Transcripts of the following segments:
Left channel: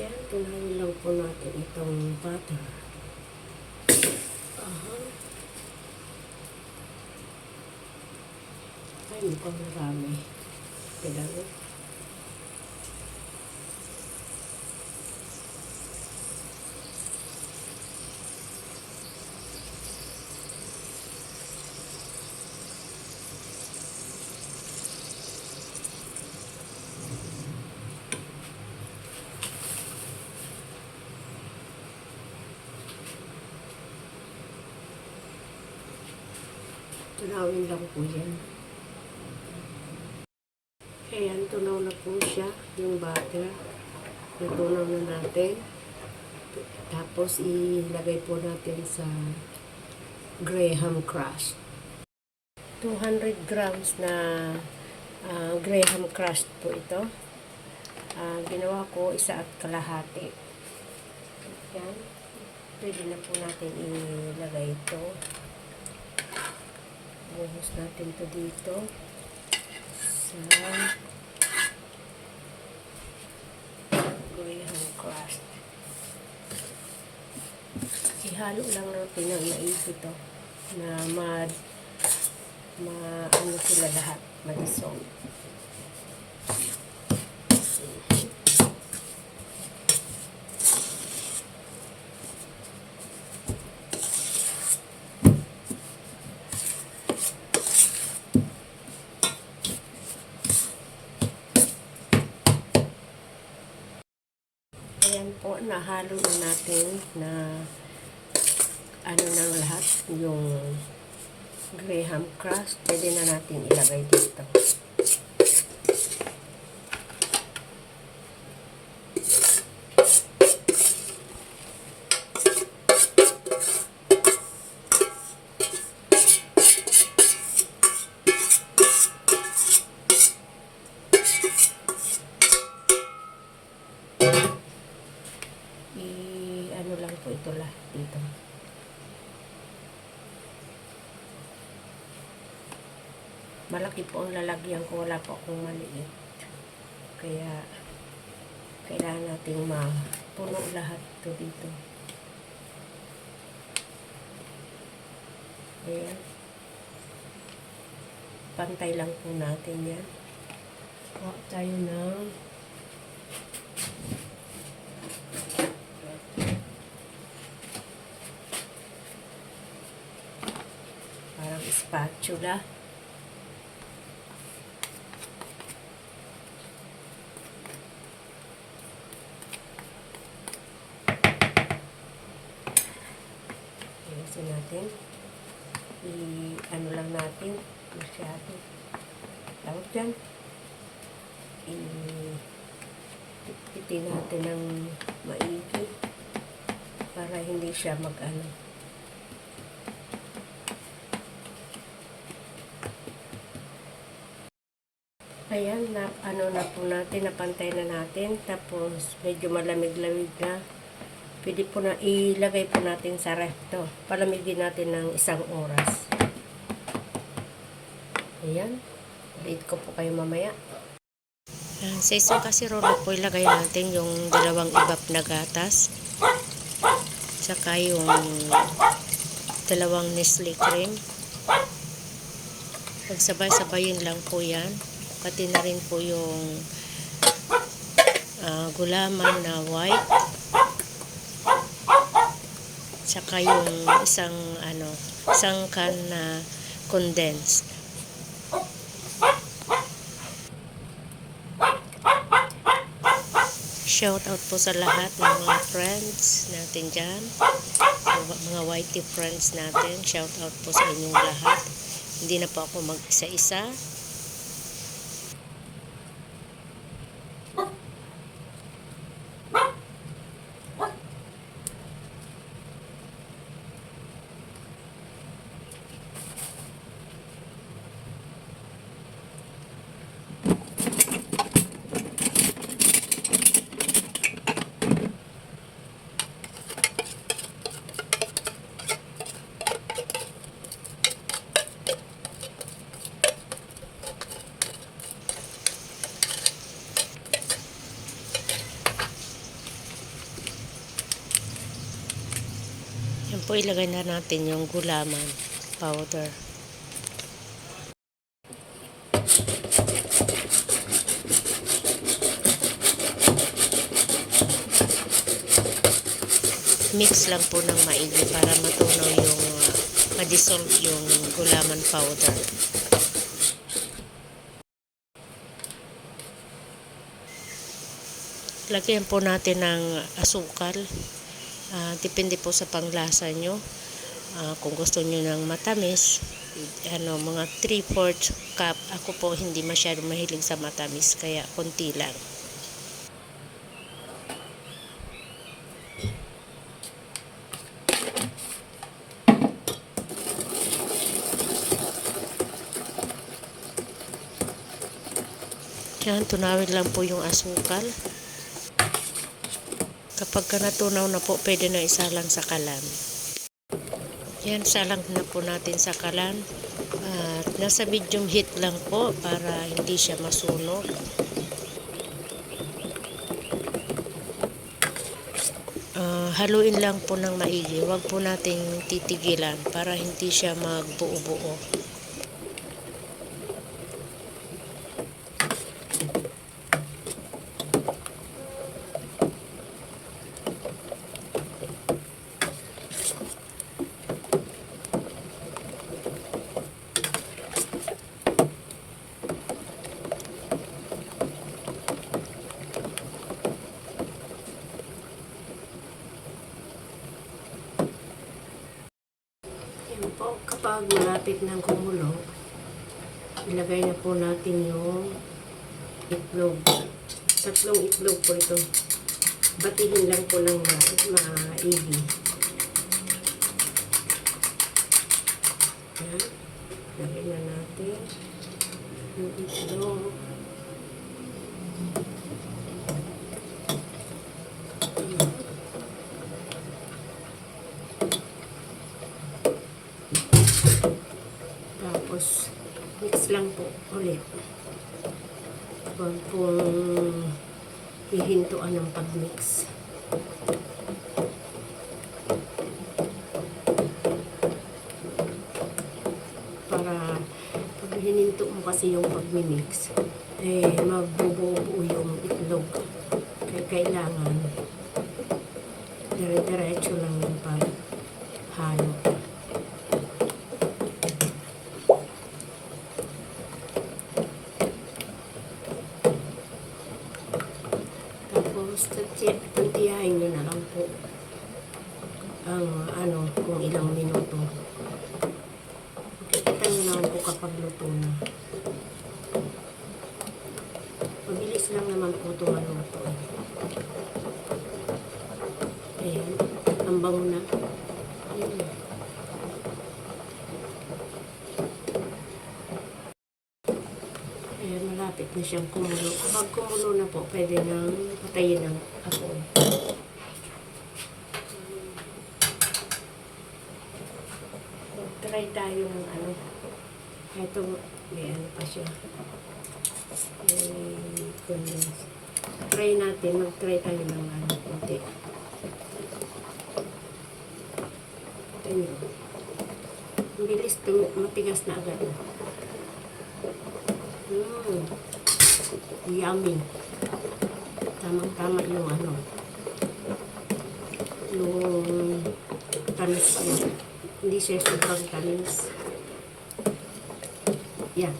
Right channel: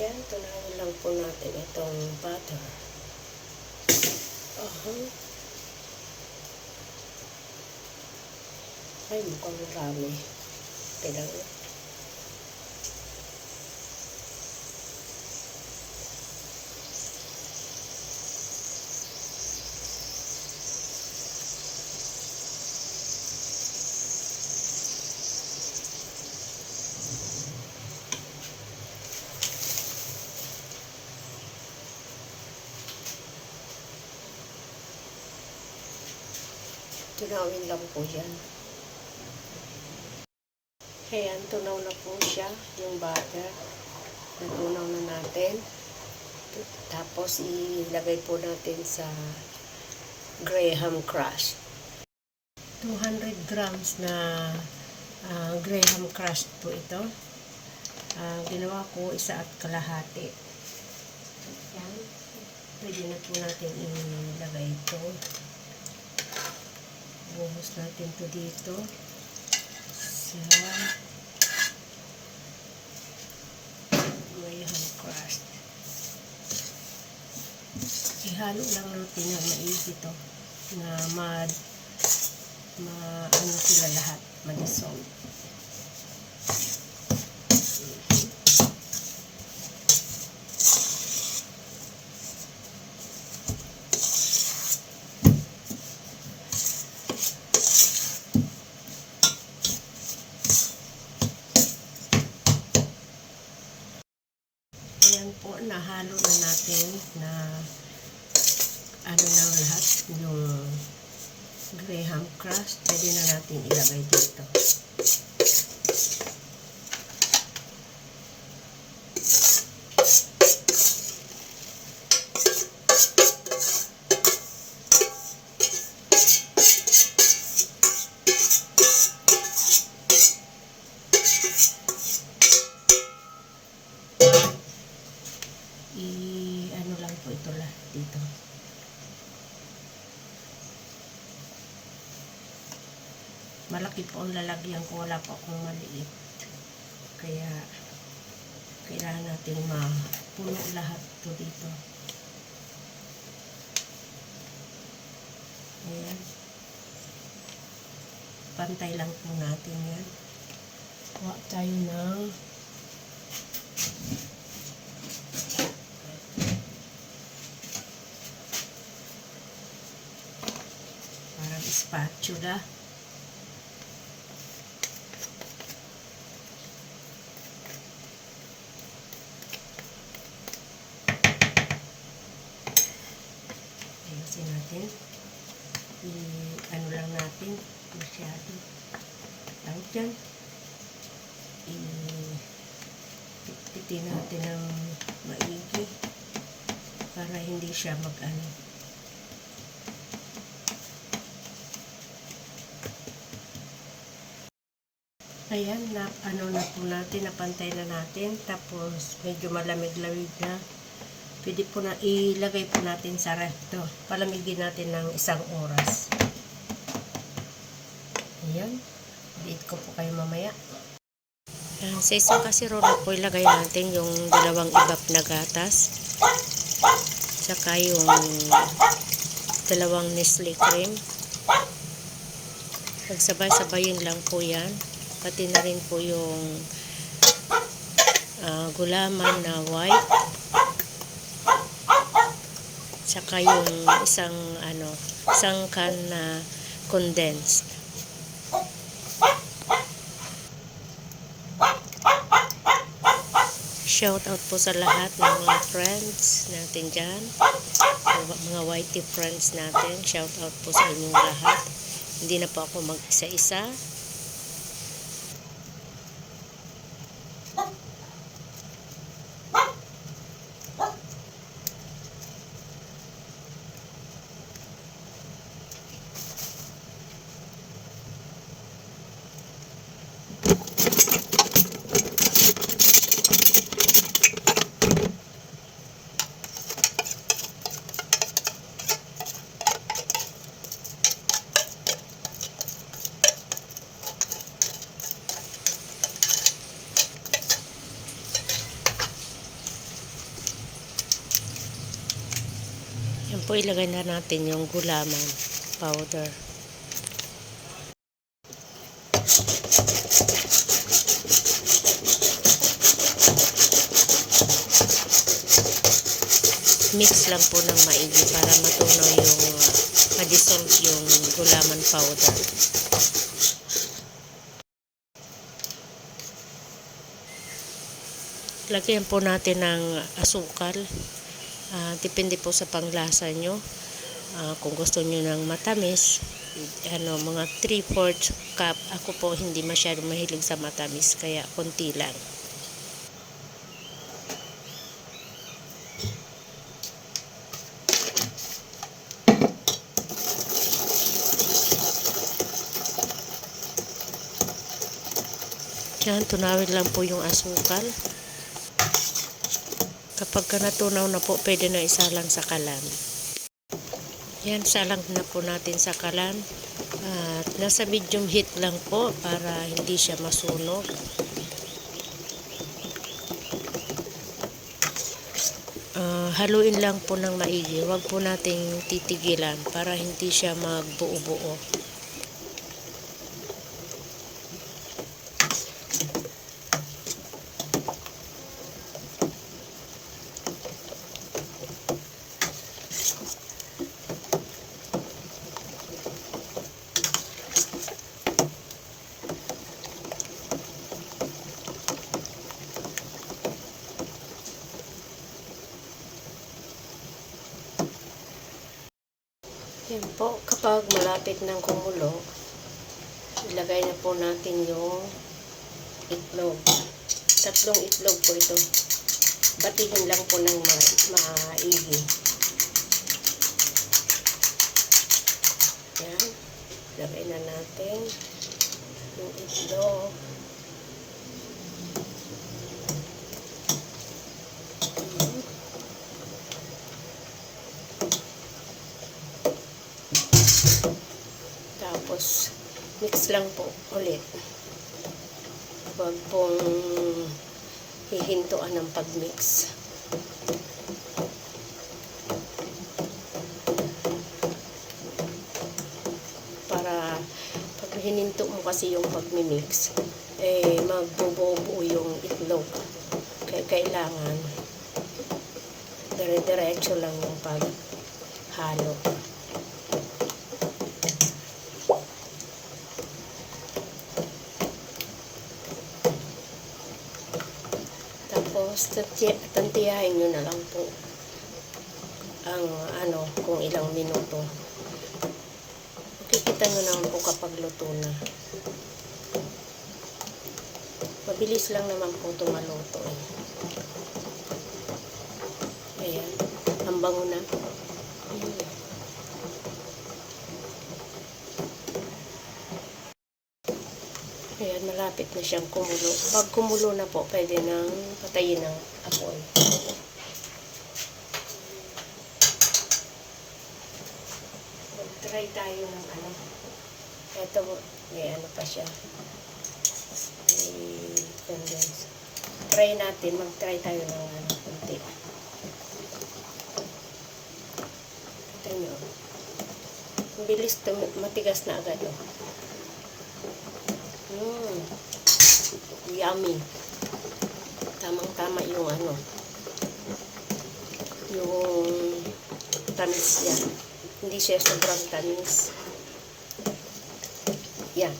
Yan, tunahin lang po natin itong butter. Ay, mukhang marami. Kailangan. Tunawin lang po yan. Ayan, tunaw na po siya, yung butter. Natunaw na natin. Tapos, ilagay po natin sa Graham crust. 200 grams na Graham crust po ito. Ginawa ko 1.5. Ayan. Pwede na po natin ilagay ito. Buhos natin ito dito. Sa Graham crust. Ihalo lang natin na maigi ito. Na ano sila lahat. Madisong. Ayan po, nahalo na natin na ano na lahat, yung Graham crust. Pwede na natin ilagay dito. Ano lang po ito lahat dito. Malaki po ang lalagyan ko, wala po akong maliit. Kaya kailangan nating mapuno lahat ito dito. Ayan. Pantay lang po natin yan. Kuha tayo ng spatula. Ayusin natin. Ano lang natin. Masyado. Tawag dyan. Pitpitin natin ng maigi. Para hindi siya mag-ano. Ayan, ano na po natin, napantay na natin. Tapos, medyo malamig-lamig na. Pwede po na, ilagay po natin sa ref to. Palamigin natin ng 1 oras. Ayan. Update ko po kayo mamaya. Sa isang kasirola po, ilagay natin yung 2 ibap na gatas. Tsaka yung 2 Nestle cream. Pagsabay-sabayin lang po yan. Pati na rin po yung gulaman na white. Tsaka yung isang can na condensed. Shout out po sa lahat ng mga friends natin dyan. Mga whitey friends natin. Shout out po sa inyong lahat. Hindi na po ako mag-isa-isa. Yan po, ilagay na natin yung gulaman powder. Mix lang po ng maigi para matunaw yung ma-dissolve yung gulaman powder. Lagyan po natin ng asukal. Depende po sa panglasa nyo. Kung gusto nyo ng matamis, mga 3/4 cup. Ako po hindi masyado mahilig sa matamis, kaya konti lang. Yan, tunawin lang po yung asukal. Kapag natunaw na po, pwede na isalang sa kalan. Yan, salang na po natin sa kalan. At nasa medium heat lang po para hindi siya masunog. Haluin lang po ng maigi. Huwag po nating titigilan para hindi siya magbuo-buo. Yan po, kapag malapit ng kumulo, ilagay na po natin yung itlog. 3 itlog po ito. Batiin lang po ng maigi. Yan. Ilagay na natin yung itlog. Tapos, mix lang po ulit. Huwag pong hihintuan ng pag-mix. Para pag hininto mo kasi yung pag-mix, magbubuo yung itlog. Kaya kailangan dire-diretso lang yung paghalo. Tantiyahin nyo na lang po ang kung ilang minuto. Kikita nyo lang po kapag luto na. Mabilis lang naman po ito maluto. Ayan, ang bango na. Ayan, malapit na siyang kumulo. Kapag kumulo na po, pwede nang patayin ng apoy. Try tayo ng eto, may pa siya. May condense. Try natin, mag-try tayo ng konti. Ito nyo. Ang bilis, matigas na agad. Yummy. Tama-tama yung yung tamis niya. Hindi siya sobrang tamis. Yan.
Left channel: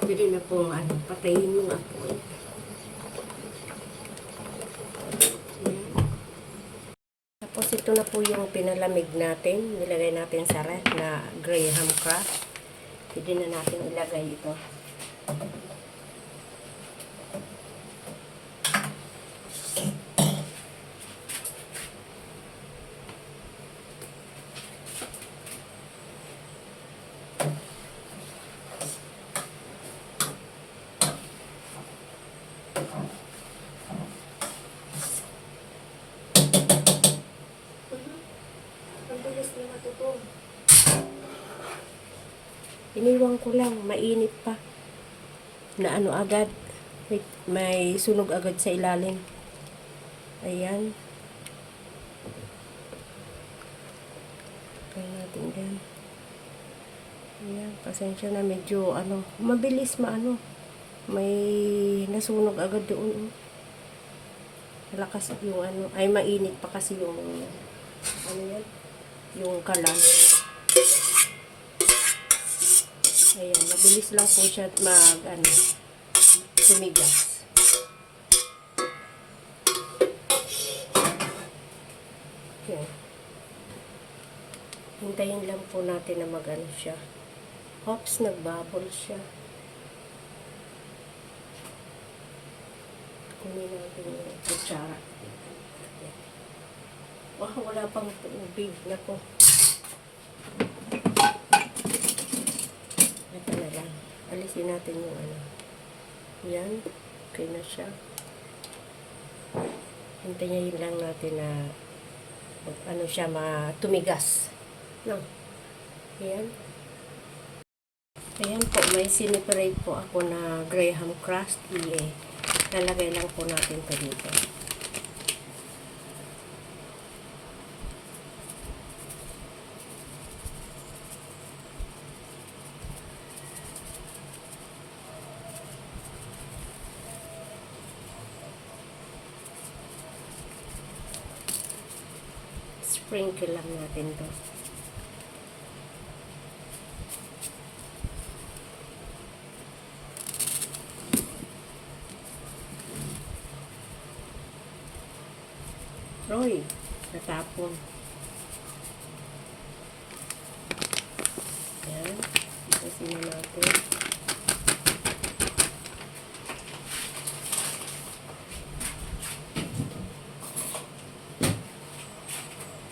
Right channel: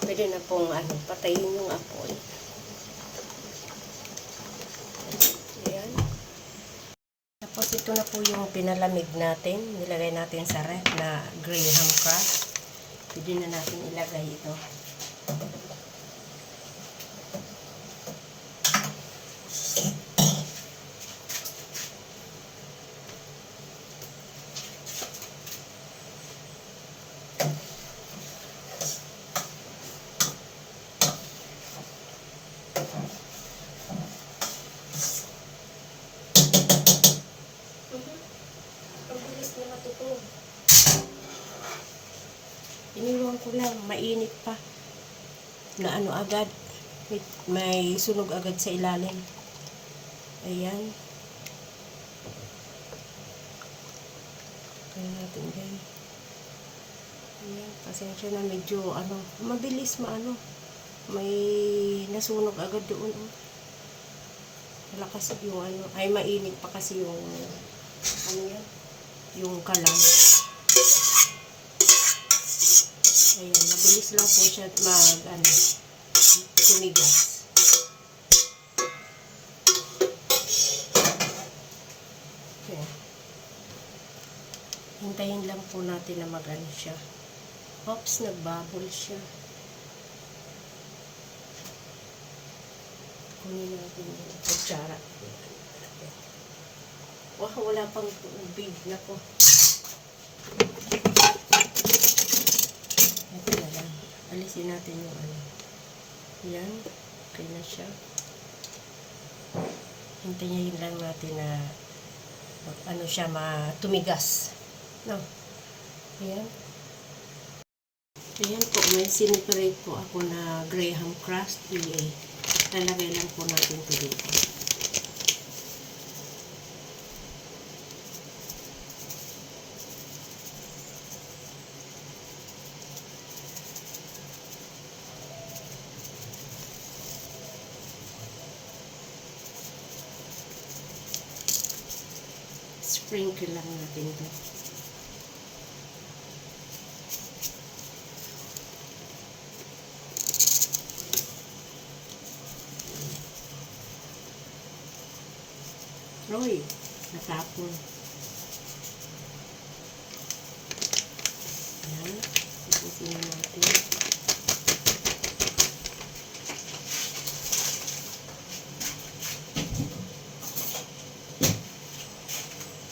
Pwede na pong patayin yung apoy. Yan. Tapos ito na po yung pinalamig natin. Nilagay natin sa ref na graham crust. Pwede na natin ilagay ito. Iniwan ko lang, mainit pa. Na agad. May sunog agad sa ilalim. Ayan. Kaya natin guys. Ayan, pasensya na medyo mabilis may nasunog agad doon. Malakas yung ay mainit pa kasi yung yung kalan. Ayan, mabilis lang po siya tumigas. Okay. Hintayin lang po natin na siya. Hops, nagbubble siya. Kunin natin yung kutsara. Wala pang tubig na po. Ito na lang. Alisin natin yung Yan. Okay na siya. Hintayin lang natin na siya tumigas. No. Ayan. Ayan po, may siniprate po ako na Graham crust. Lalagay lang po natin ito dito. Sprinkle lang natin to. Roy, natapon. Ayan, ipusin na natin.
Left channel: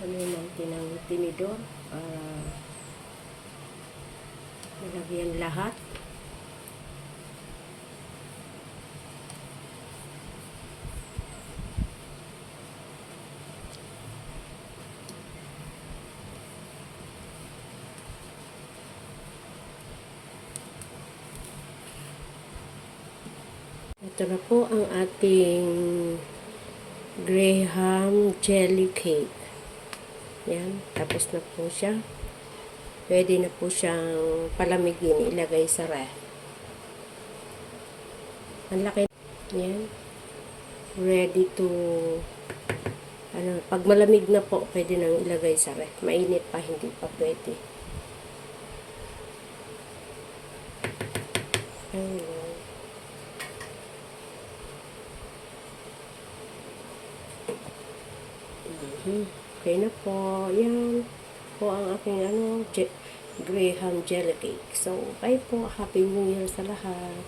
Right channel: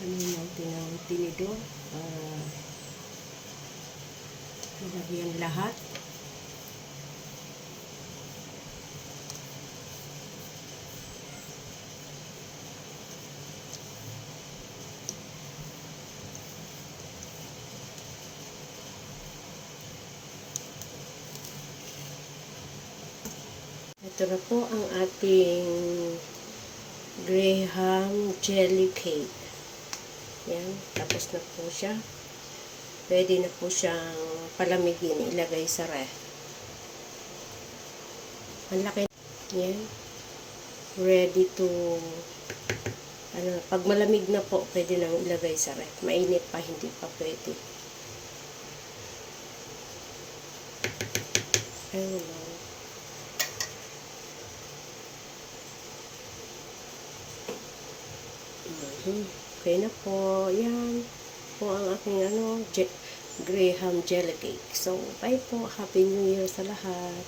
Ano natin ang tinidor para nilagyan lahat. Ito na po ang ating Graham jelly cake. Yan, tapos na po siya. Pwede na po siyang palamigin, ilagay sa ref. Ang laki. Yan. Ready to pag malamig na po, pwede nang ilagay sa ref. Mainit pa, hindi pa pwede. Ayun. Okay na po. Yan po ang aking Graham jelly cake. So, bye po. Happy New Year sa lahat.